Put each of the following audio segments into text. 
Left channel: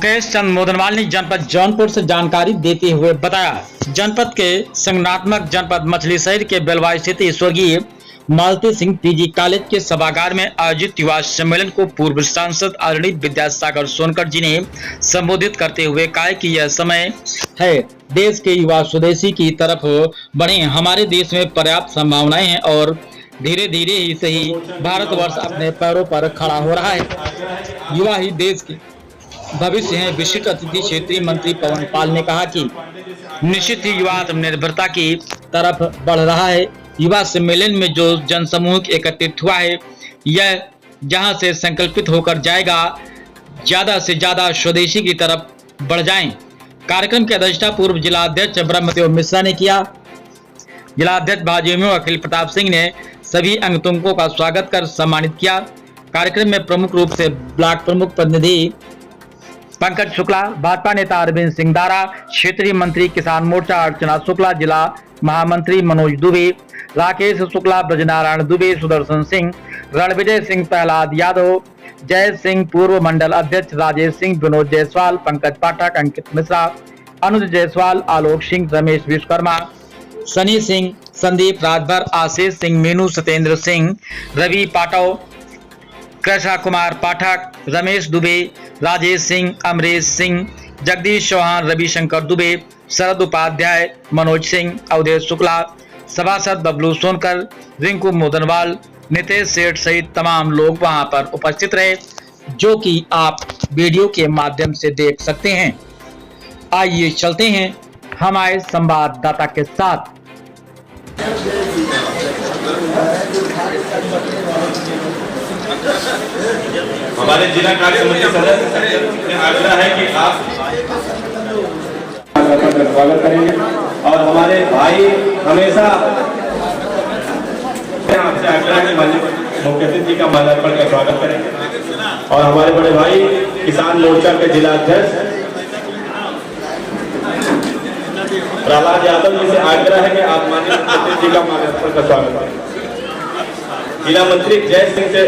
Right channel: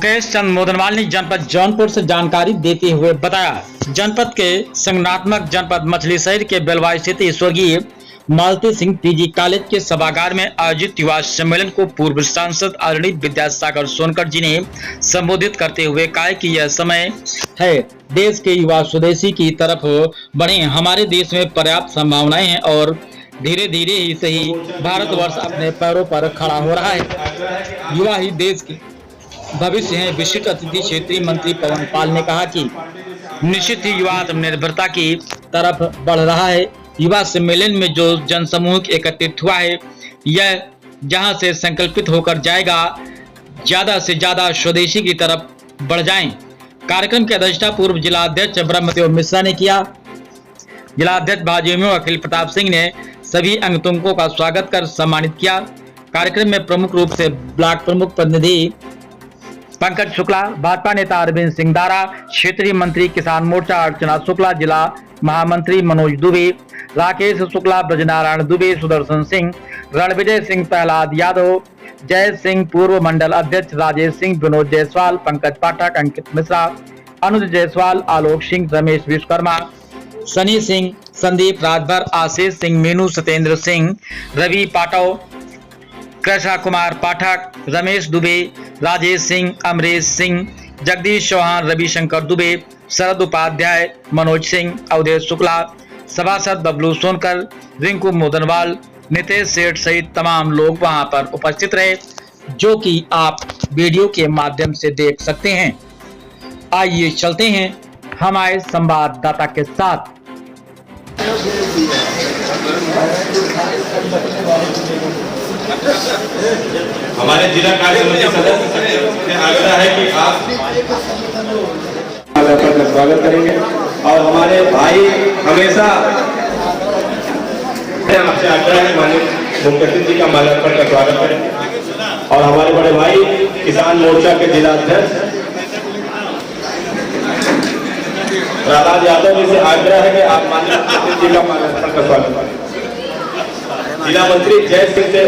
मुकेश चंद मोदनवाल ने जनपद जौनपुर से जानकारी देते हुए बताया, जनपद के संगठनात्मक जनपद मछली शहर के बेलवा स्थित स्वर्गीय मालती सिंह पीजी कॉलेज के सभागार में आयोजित युवा सम्मेलन को पूर्व सांसद आदरणीय विद्यासागर सोनकर जी ने संबोधित करते हुए कहा कि यह समय है देश के युवा स्वदेशी की तरफ बढ़े। हमारे देश में पर्याप्त संभावनाएं हैं और धीरे धीरे ही सही भारतवर्ष अपने पैरों पर खड़ा हो रहा है। युवा ही देश के भविष्य है। विशिष्ट अतिथि क्षेत्रीय मंत्री पवन पाल ने कहा कि निश्चित ही युवा आत्मनिर्भरता की तरफ बढ़ रहा है। युवा सम्मेलन में जो जनसमूह एकत्रित हुआ है, यह जहां से संकल्पित होकर जाएगा ज्यादा से ज्यादा स्वदेशी की तरफ बढ़ जाएं। कार्यक्रम की अध्यक्षता पूर्व जिला अध्यक्ष ब्रह्मदेव मिश्रा ने किया। जिला अध्यक्ष भाजपा अखिल प्रताप सिंह ने सभी अंगतुंगों का स्वागत कर सम्मानित किया। कार्यक्रम में प्रमुख रूप से ब्लॉक प्रमुख प्रतिनिधि पंकज शुक्ला, भाजपा नेता अरविंद सिंह दारा, क्षेत्रीय मंत्री किसान मोर्चा अर्चना शुक्ला, जिला महामंत्री मनोज दुबे, राकेश शुक्ला, ब्रजनारायण दुबे, सुदर्शन सिंह, रणविजय सिंह, प्रहलाद यादव, जय सिंह, पूर्व मंडल अध्यक्ष राजेश सिंह, विनोद जायसवाल, पंकज पाठक, अंकित मिश्रा, अनुज जायसवाल, आलोक सिंह, रमेश विश्वकर्मा, सनी सिंह, संदीप राजभर, आशीष सिंह, मीनू, सत्येंद्र सिंह, रवि पाटव, कृष्णा कुमार पाठक, रमेश दुबे, राजेश सिंह, अमरीश सिंह, जगदीश चौहान, रविशंकर दुबे, शरद उपाध्याय, मनोज सिंह, अवधेश शुक्ला, सभासद बबलू सोनकर, रिंकू मोदनवाल, नितेश सेठ सहित तमाम लोग वहां पर उपस्थित रहे, जो कि आप वीडियो के माध्यम से देख सकते हैं। आइए चलते हैं हमारे संवाददाता के साथ। हमारे जिला कार्य समिति सदस्य से आग्रह है कि आप स्वागत करेंगे और हमारे भाई हमेशा आपसे आग्रह है मुख्यमंत्री जी का माल्यार्पण का स्वागत करें और हमारे बड़े भाई किसान मोर्चा के जिला अध्यक्ष प्रहलाद यादव जी से आग्रह है कि आप माननीय मुख्यमंत्री जी का माल्यार्पण का स्वागत करें। जिला मंत्री जय सिंह से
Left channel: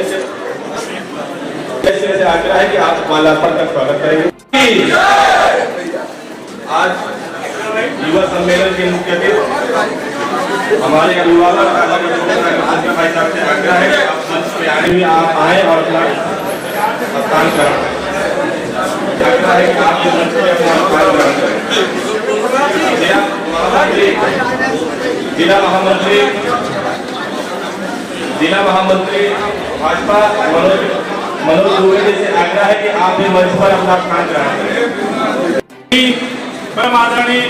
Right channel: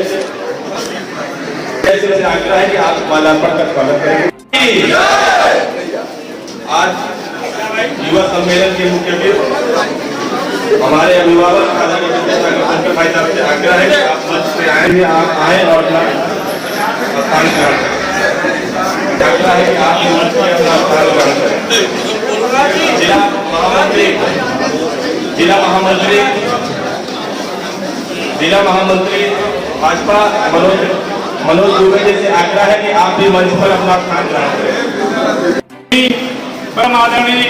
आग्रह है कि आप माल्यार्पण का स्वागत करेंगे। आज युवा सम्मेलन के मुख्य अतिथि हमारे अभिभावक भाई साहब से आग्रह है कि आप मंच पे आए और काम करें। आग्रह है कि आप मंच पे अपना करें। जिला महामंत्री भाजपा मनोज दुबे जी से आग्रह है कि आप भी मंच पर अपना स्थान ग्रहण करें। परम आदरणीय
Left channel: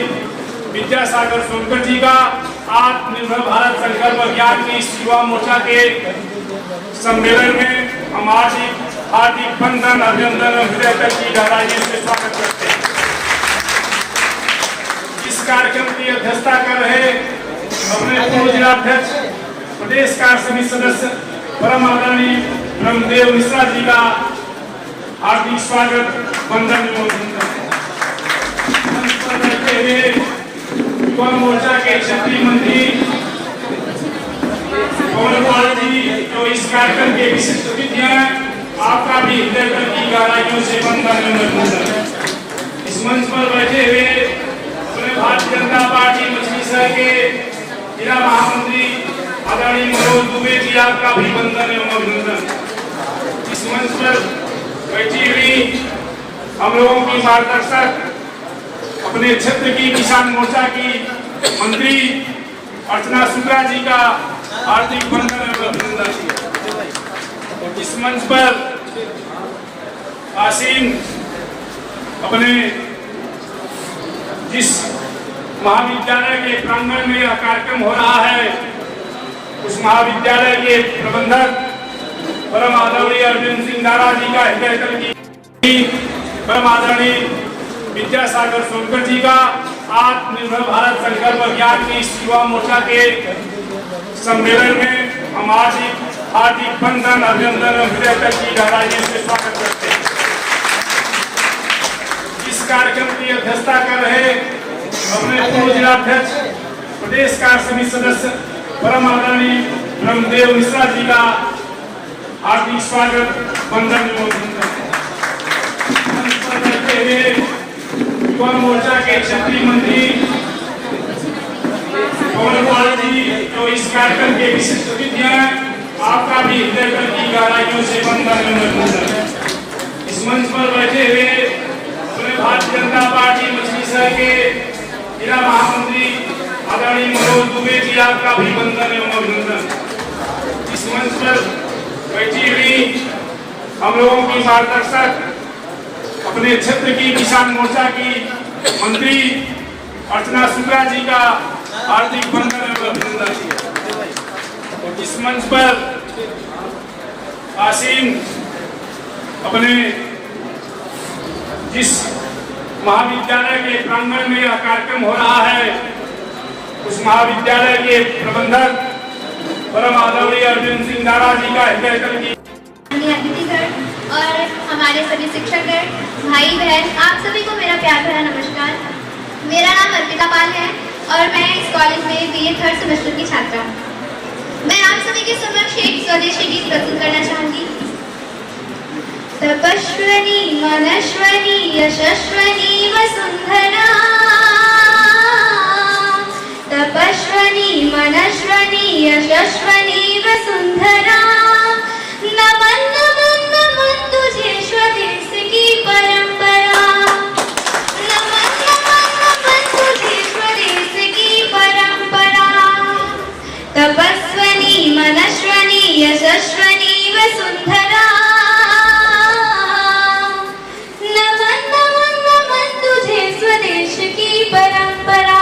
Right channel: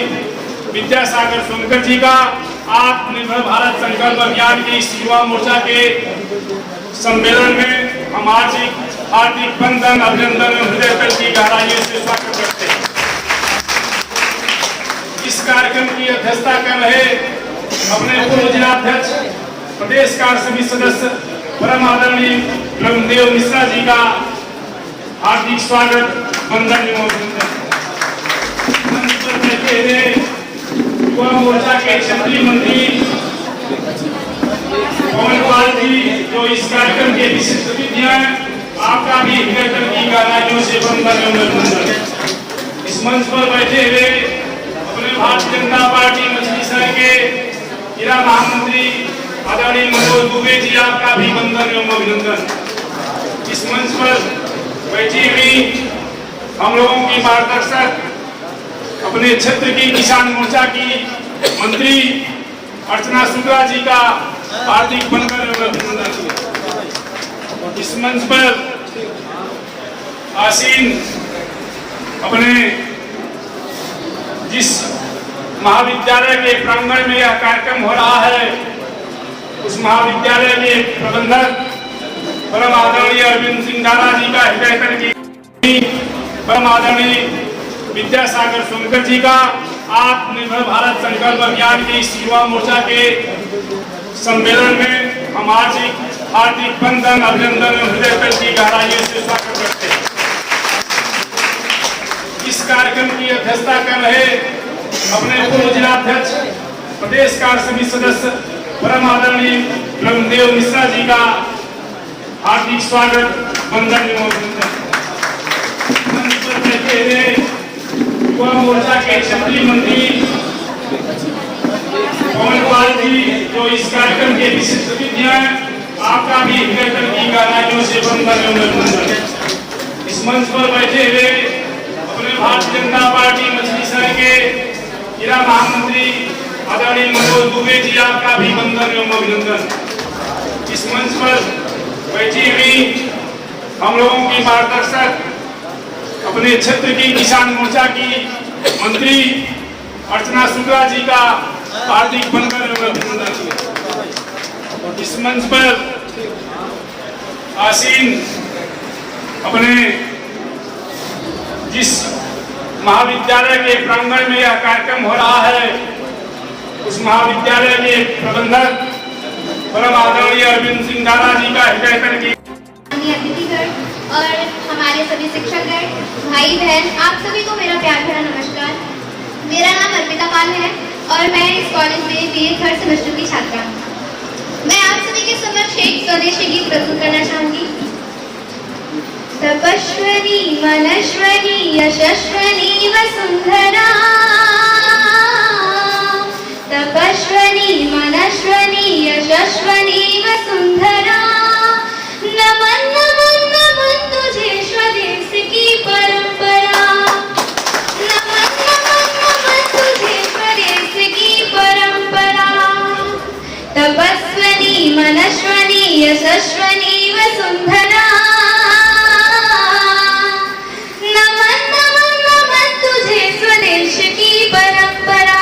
विद्यासागर सोनकर जी का आत्मनिर्भर भारत संकल्प अभियान के इस युवा मोर्चा के सम्मेलन में हम हार्दिक बंधन अभिनंदन हृदय की गहराइयों से स्वागत करते हैं। इस कार्यक्रम की अध्यक्षता कर रहे अपने पूर्व जिलाध्यक्ष प्रदेश कार्य समिति सदस्य परम आदरणीय ब्रह्मदेव मिश्रा जी का हार्दिक स्वागत बंधन युवा मोर्चा के क्षेत्रीय मंत्री पवन पाल जी जो इस कार्यक्रम के विशिष्ट अतिथि हैं, आपका भी हृदय की गहराइयों से बंधन। इस मंच पर बैठे हुए अपने भारतीय जनता पार्टी मछली शहर के जिला महामंत्री आदरणीय मनोज दुबे जी, आपका भी बंधन एवं अभिनंदन। इस मंच पर बैठी हुई हम लोगों की मार्गदर्शक अपने क्षेत्र की किसान मोर्चा की मंत्री अर्चना शुक्ला जी का हार्दिक बंधन एवं अभिनंदन। इस मंच पर आसीन अपने जिस महाविद्यालय के प्रांगण में यह कार्यक्रम हो रहा है, उस महाविद्यालय के प्रबंधक परम आदरणीय अरविंद सिंह दारा जी का हृदय की परम आदरणीय विद्यासागर सोनकर जी का आत्मनिर्भर भारत संकल्प अभियान के इस युवा मोर्चा के सम्मेलन में हम हार्दिक बंधन अभिनंदन हृदय की गहराइयों से स्वागत करते हैं। इस कार्यक्रम की अध्यक्षता कर रहे अपने पूर्व जिलाध्यक्ष प्रदेश कार्य समिति सदस्य परम आदरणीय ब्रह्मदेव मिश्रा जी का हार्दिक स्वागत बंधन। बैठे हुए युवा मोर्चा के क्षेत्रीय मंत्री पवन पाल जी, जो इस कार्यक्रम के विशिष्ट अतिथि हैं, आपका भी हृदय की गहराइयों से वंदन एवं इस मंच पर बैठे हुए अपने भारतीय जनता पार्टी मछली शहर के जिला महामंत्री आदरणीय मनोज दुबे जी, आपका भी वंदन एवं अभिनंदन। इस मंच पर बैठी हुई हम लोगों की मार्गदर्शक अपने क्षेत्र की किसान मोर्चा की मंत्री अर्चना शुक्ला जी का हार्दिक वंदन एवं अभिनंदन। इस मंच पर आसीन अपने जिस महाविद्यालय के प्रांगण में यह कार्यक्रम हो रहा है, उस महाविद्यालय के प्रबंधक परम आदरणीय अरविंद सिंह दारा जी का हृदय की अतिथिगण और हमारे सभी शिक्षकगण, भाई बहन, आप सभी को मेरा प्यार भरा नमस्कार। मेरा नाम अर्पिता पाल है और मैं इस कॉलेज में बीए थर्ड सेमेस्टर की छात्रा हूँ। मैं आप सभी के समक्ष एक स्वदेशी गीत प्रस्तुत करना चाहूंगी। तपस्विनी मनस्विनी यशस्विनी वसुंधरा, तपस्विनी मनस्विनी यशस्विनी वसुंधरा, नमन नमन नमन तुझे स्वदेश की परंपरा, नमन नमन नमन तुझे स्वदेश की परंपरा। तपस्विनी मनस्विनी यशस्विनी वसुंधरा, नमन नमन नमन तुझे स्वदेश की परंपरा।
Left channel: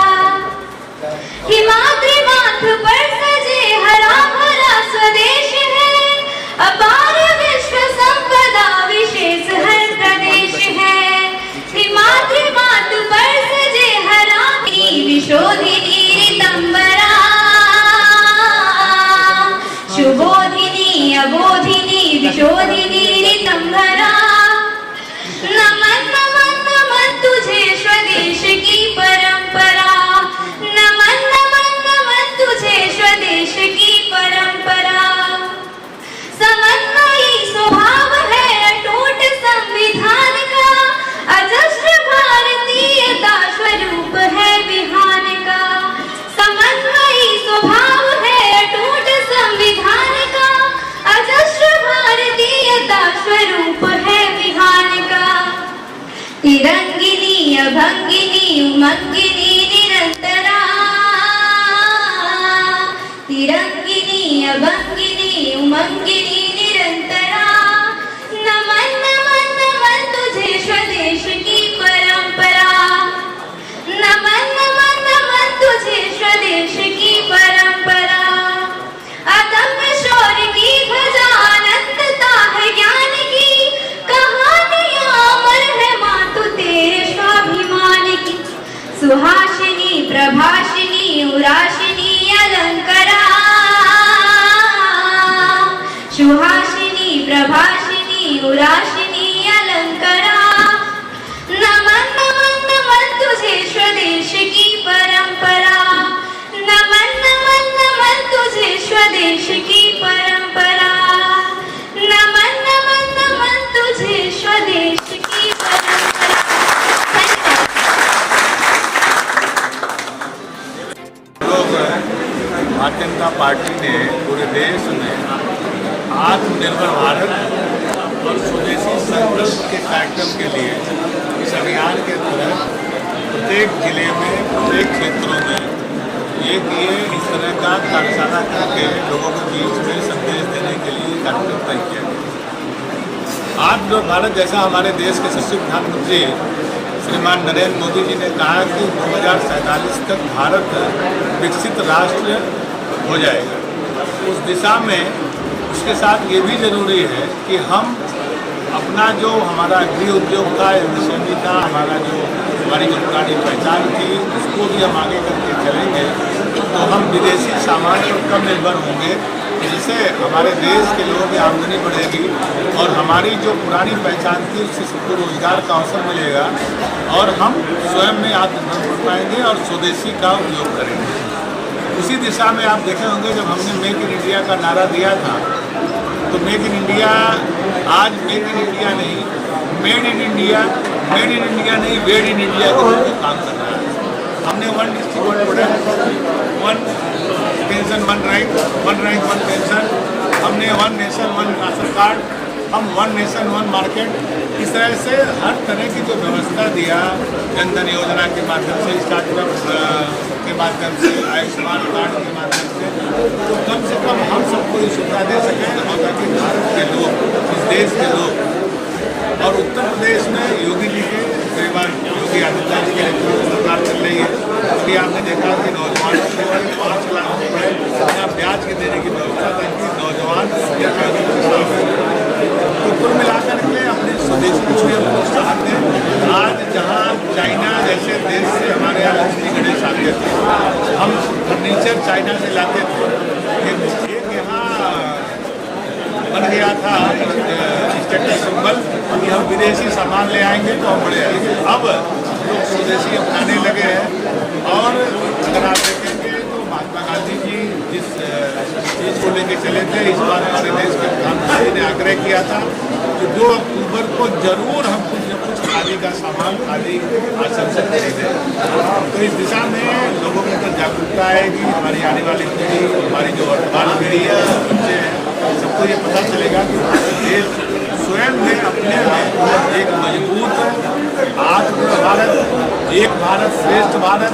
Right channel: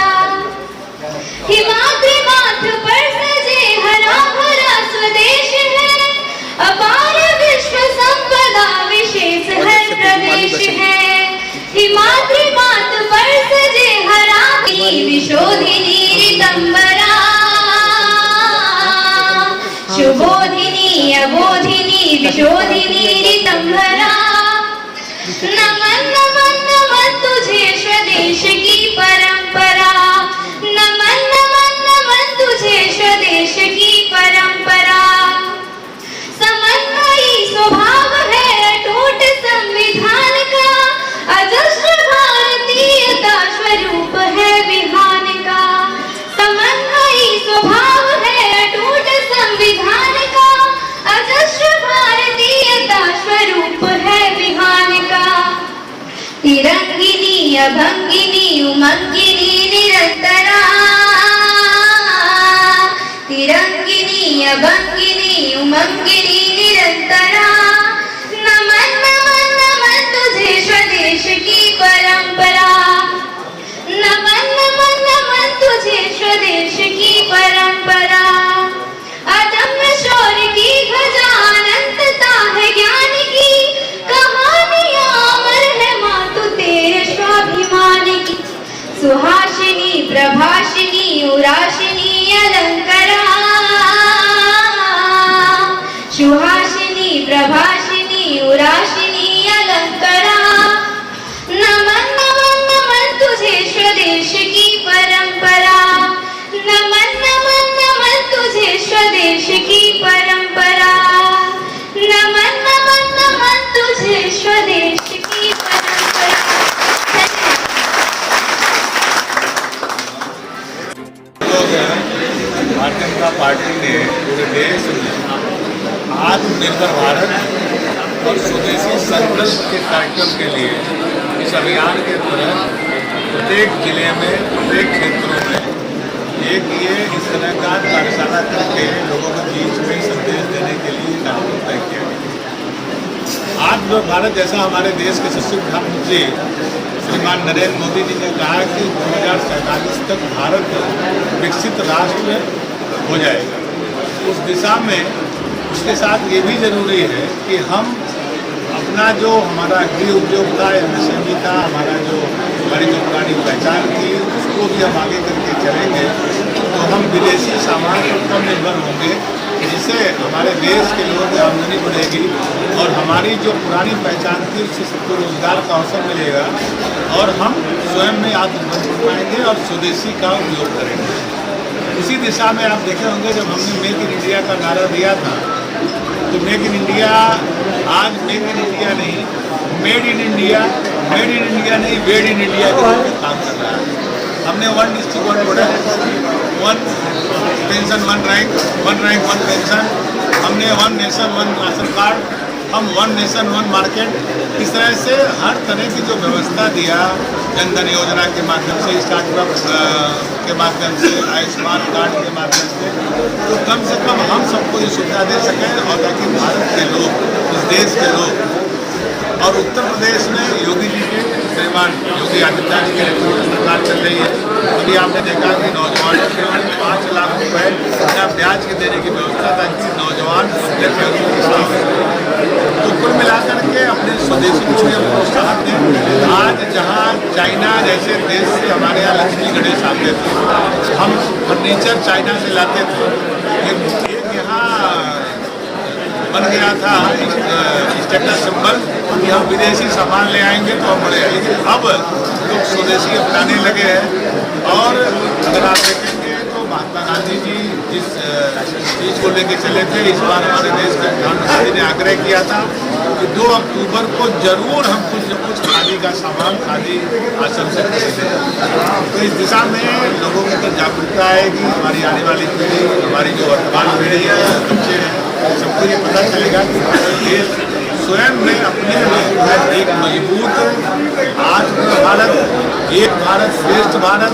हिमाद्री माथ पर सजे हरा भरा स्वदेश है, अपार विश्व संपदा विशेष हर प्रदेश है। हिमाद्री माथ पर सजे हरा विशोधिनी ऋतंबरा, शुभोधिनी अबोधिनी विशोधिनी ऋतंबरा, नमन नमन नमन तुझे स्वदेश की परंपरा, नमन नमन नमन तुझे स्वदेश की परंपरा। समन्वयी स्वभाव है अटूट संविधान का, अजस्र भारतीयता स्वरूप है विधान का। समन्वयी स्वभाव है अटूट संविधान का, अजस्र भारतीयता स्वरूप है विधान का। तिरंगिनी अभंगिनी उमंगिनी निरंतरा, तिरंगिनी अभंगिनी उमंगिनी निरंतरा, नमन नमन नमन तुझे स्वदेश की परंपरा, नमन नमन नमन तुझे स्वदेश की परंपरा। अदम्य शौर्य की ध्वजा अनंतता है ज्ञान की, कहानियां अमर है मातु तेरे स्वाभिमान की। सुहासिनी प्रभासिनी उरासिनी अलंकरा, सुहासिनी प्रभासिनी उरासिनी अलंकरा, नमन नमन नमन तुझे स्वदेश की परंपरा, नमन नमन नमन तुझे स्वदेश की परंपरा, नमन नमन नमन तुझे स्वदेश की परंपरा। भारतीय जनता पार्टी ने पूरे देश में आत्मनिर्भर भारत और स्वदेशी संकल्प के कार्यक्रम के लिए इस अभियान के तहत प्रत्येक जिले में, प्रत्येक क्षेत्रों में एक ये इस तरह का कार्यशाला करके लोगों के बीच में संदेश देने के लिए कार्यक्रम तय किया गया। आत्मनिर्भर भारत जैसा हमारे देश के यशस्वी प्रधानमंत्री श्रीमान नरेंद्र मोदी जी ने कहा कि 2047 तक भारत विकसित राष्ट्र हो जाएगा। उस दिशा में उसके साथ ये भी जरूरी है कि हम अपना जो हमारा गृह उद्योग था, एमएसएमई था, हमारी जो पुरानी पहचान थी, उसको भी हम आगे करके चलेंगे तो हम विदेशी सामान पर कम निर्भर होंगे, जिससे हमारे देश के लोगों की आमदनी बढ़ेगी और हमारी जो पुरानी पहचान थी उससे सबको रोजगार का अवसर मिलेगा और हम स्वयं में आत्मनिर्भर बन पाएंगे और स्वदेशी का उपयोग करेंगे। उसी दिशा में आप देखे होंगे जब हमने मेक इन इंडिया का नारा दिया था तो मेक इन इंडिया आज मेक इन इंडिया नहीं, made in India made in India नहीं, वेड इन इंडिया के रूप में काम कर रहा है। हमने 1 district 1 product, 1 pension 1 rank 1 pension, हमने 1 नेशन 1 राशन कार्ड, हम 1 नेशन 1 मार्केट, इस तरह से हर तरह की जो व्यवस्था दिया, जनधन योजना के माध्यम से, स्टार्टअप के माध्यम से, आयुष्मान कार्ड के माध्यम से, तो कम से कम हम सबको ये सुविधा दे सकें और ताकि भारत के लोग, इस देश के लोग, और उत्तर प्रदेश में योगी जी के परिवार, योगी आदित्यनाथ जी के नेतृत्व में सरकार चल रही है। अभी आपने देखा कि नौजवानों को 5 लाख रुपए बिना ब्याज के देने की व्यवस्था, ताकि नौजवान अपने पैरों पर खड़ा हो। तो कुल मिलाकर के अपने स्वदेशी को भी हम प्रोत्साहन दें। आज जहाँ चाइना जैसे देश से हमारे यहाँ लक्ष्मी गणेश आते थे, हम फर्नीचर चाइना से लाते थे, एक यहाँ बन गया था स्टेटस सिंबल कि हम विदेशी सामान ले आएंगे तो हम बड़े आएंगे। अब लोग स्वदेशी अपनाने लगे हैं। और अगर आप देखेंगे तो महात्मा गांधी जी जिस चीज़ को लेके चले थे, इस बार हमारे देश के प्रधानमंत्री ने आग्रह किया था कि 2 अक्टूबर को जरूर हम कुछ न कुछ खादी का सामान, खादी आश्रम से खरीदें। तो इस दिशा में लोगों के अंदर जागरूकता आएगी। हमारी आने वाली पीढ़ी, हमारी जो वर्तमान पीढ़ी है, बच्चे हैं, सबको ये पता चलेगा कि भारत देश स्वयं में अपने में एक मजबूत आत्मनिर्भर भारत, एक भारत श्रेष्ठ भारत,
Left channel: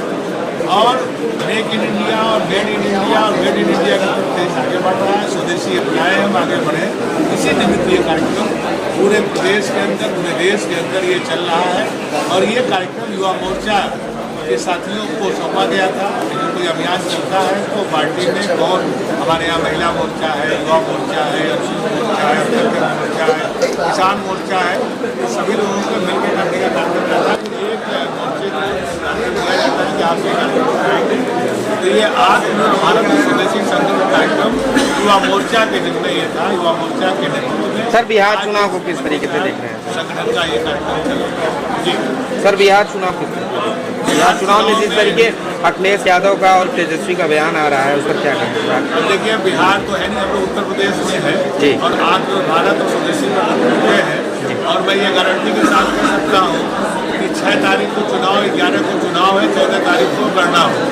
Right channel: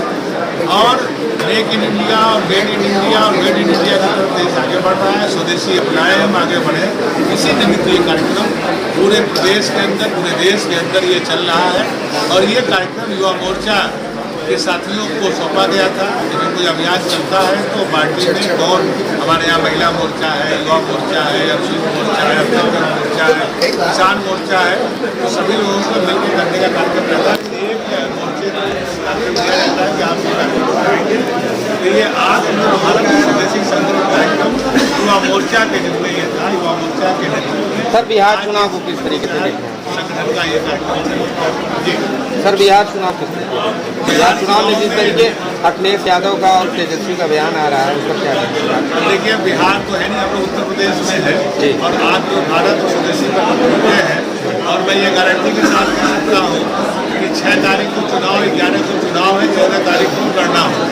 और मेक इन इंडिया और मेड इन इंडिया और मेड इन इंडिया की तरफ देश आगे बढ़ रहा है। स्वदेशी अपनाए, हम आगे बढ़े। इसी निमित्त ये कार्यक्रम पूरे प्रदेश के अंदर, पूरे देश के अंदर ये चल रहा है। और ये कार्यक्रम युवा मोर्चा के साथियों को सौंपा गया था। लेकिन कोई अभियान चलता है तो पार्टी में कौन, हमारे यहाँ महिला मोर्चा है, युवा मोर्चा है, अरसूल मोर्चा है, अम्बेडकर मोर्चा है, किसान मोर्चा है, तो सभी लोगों को मिलकर करने का कार्यक्रम रहता है। एक मोर्चे को कार्यक्रम दिया जाता है कि आप ये कार्यक्रम उठाएंगे। तो ये आत्मनिर्भर भारत स्वदेशी संकल्प कार्यक्रम युवा मोर्चा के जिम्मे ये था, युवा मोर्चा के नेतृत्व में। सर, बिहार चुनाव को किस तरीके से देख रहे हैं? संगठन का ये कार्यक्रम चलेगा। जी सर, बिहार चुनाव को, बिहार चुनाव में जिस तरीके अखिलेश यादव का और तेजस्वी का बयान आ रहा है, उस पर क्या कहना है? अब देखिए, बिहार तो है नहीं, हम लोग उत्तर प्रदेश में है जी। और आत्मनिर्भर भारत और स्वदेशी पर जुटे हैं। और मैं ये गारंटी के साथ कह सकता हूँ कि 6 तारीख को चुनाव, 11 को चुनाव है, 14 तारीख को गणना हो,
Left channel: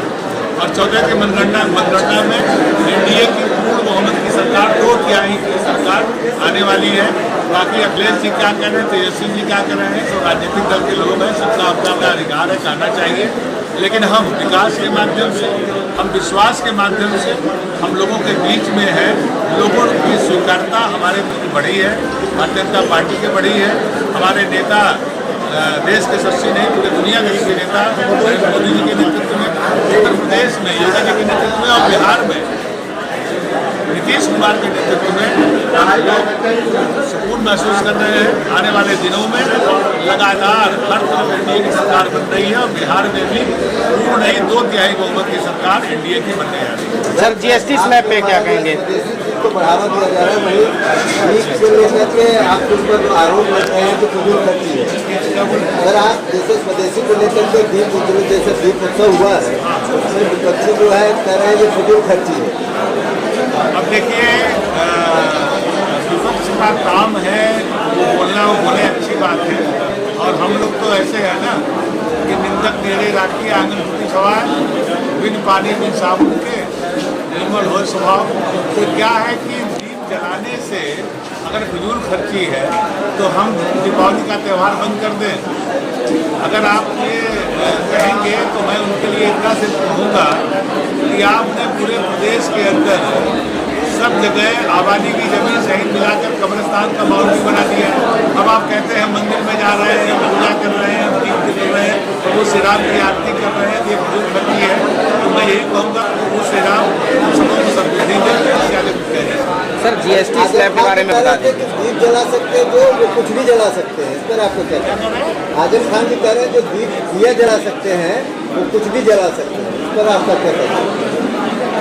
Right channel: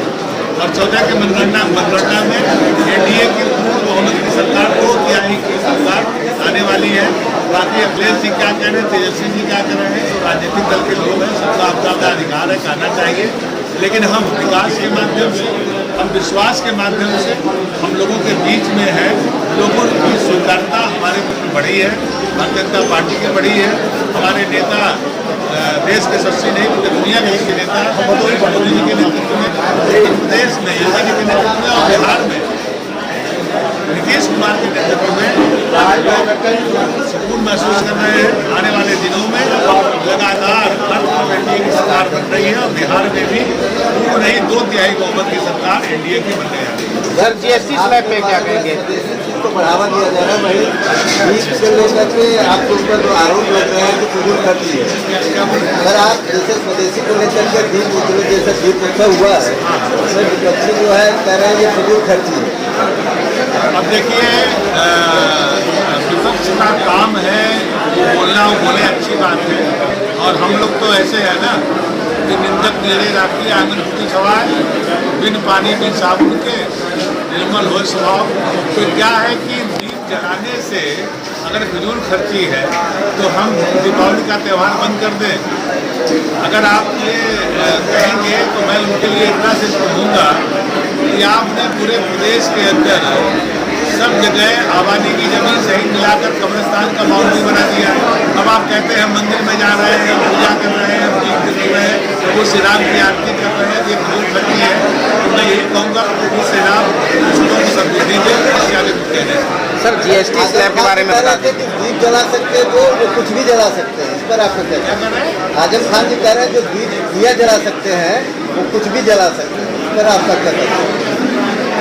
और 14 के मतगणना में एनडीए की पूर्ण बहुमत की सरकार, 2 तिहाई की सरकार आने वाली है। बाकी अखिलेश जी क्या कह रहे हैं, तेजस्वी जी क्या कर रहे हैं, जो राजनीतिक दल के लोग हैं, सबका अपना अधिकार है, कहना चाहिए। लेकिन हम विकास के माध्यम से, हम विश्वास के माध्यम से हम लोगों के बीच में है। लोगों की स्वीकार्यता हमारे प्रति बढ़ी है, भारतीय जनता पार्टी की बढ़ी है। हमारे नेता देश के सबसे नहीं, पूरे दुनिया के सबसे नेता नरेंद्र मोदी जी के नेतृत्व में, उत्तर प्रदेश में योगी जी के नेतृत्व में, और बिहार में नीतीश कुमार के नेतृत्व में सुकून महसूस कर रहे हैं। आने वाले दिनों में लगातार हर तरफ एनडीए की सरकार बन रही है, और बिहार में भी पूर्ण नहीं 2 तिहाई बहुमत की सरकार एनडीए की बनने जा रही है। सर, जीएसटी स्लैब पे क्या कहेंगे? बढ़ावा दिया जा रहा है, आपके ऊपर आरोप लग रहा है कि फजूल खर्ची है। अगर आप जैसे स्वदेशी को लेकर के दीप उद्योग जैसे दीप उत्सव हुआ है, उसमें विपक्षी जो है कह रहे हैं ये फजूल खर्ची है। अब देखिए, विपक्ष का काम है वो बोलना, वो बोले, अच्छी बात है। और हम लोग तो ऐसे है ना कि निंदक निरे राखी आंगन फूटी सवार, बिन पानी बिन साबुन के निर्मल हो स्वभाव। तो क्या है कि दीप जलाने से अगर फिजूल खर्ची है तो हम दीपावली का त्यौहार बंद कर दें। अगर आप ये कहेंगे तो मैं उनके लिए इतना सिर्फ कहूँगा कि आपने पूरे प्रदेश के अंदर सब जगह आबादी की जमीन सही मिलाकर कब्रिस्तान का बाउंड्री बना दिया है। अब आप कहते हैं हम मंदिर में जा रहे हैं, हम पूजा कर रहे हैं, हम दीप कर रहे हैं, तो वो श्री राम की आरती कर रहे हैं, ये फजूल खर्ची है। तो मैं यही कहूँगा वो श्री राम सबको सबूती दे, इससे आगे कुछ कह दें। सर, जीएसटी स्लैब के बारे में बता दें। दीप जला सकते हैं तो वो कुछ भी जला सकते हैं, इस पर आपको क्या क्या कर रहे हैं? आजम खान जी कह रहे हैं जो दिया जला सकते हैं वो कुछ भी जला सकते हैं, इस पर आपका क्या कहना है?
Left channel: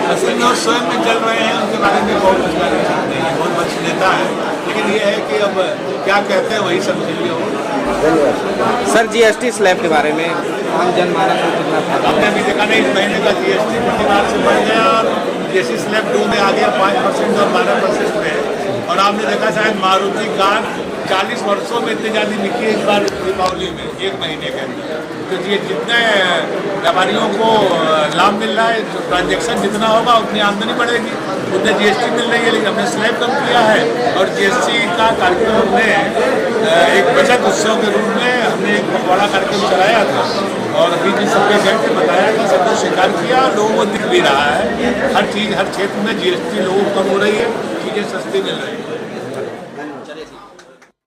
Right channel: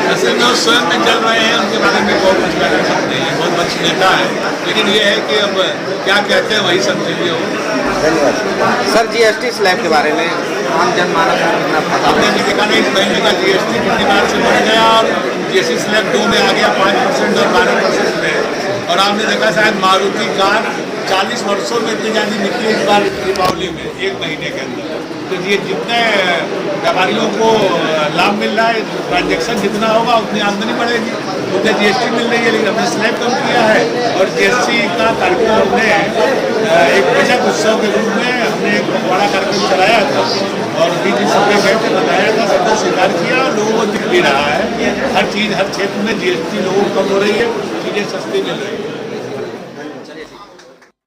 असल में वो स्वयं में चल रहे हैं, उनके बारे में बहुत कुछ कहना सकते हैं, बहुत बच्चे नेता है। लेकिन ये है कि अब क्या कहते हैं वही समझिए हो। धन्यवाद। सर, जीएसटी स्लैब के बारे में आम जनमानस को कितना फायदा? आपने अभी देखा नहीं, इस महीने का जीएसटी पिछली बार से बढ़ गया और जीएसटी स्लैब 2 में आ गया, 5% और 12% में। और आपने देखा शायद मारुति कार 40 वर्षों में इतनी ज़्यादा बिकी इस बार दीपावली में 1 महीने के अंदर। तो ये जितने व्यापारियों को लाभ मिल रहा है, ट्रांजेक्शन जितना होगा उतनी आमदनी बढ़ेगी, उतने जीएसटी मिल रही है। लेकिन हमने स्लैब कम किया है और जीएसटी का कार्यक्रम हमने एक बचत उत्सव के रूप में हमने एक बड़ा कार्यक्रम कराया था और बीच सबके गए थे, बताया था, सबको स्वीकार किया और लोगों को दिख भी रहा है। हर चीज़ हर क्षेत्र में जीएसटी लोगों को कम हो रही है, चीज़ें सस्ती मिल रही है।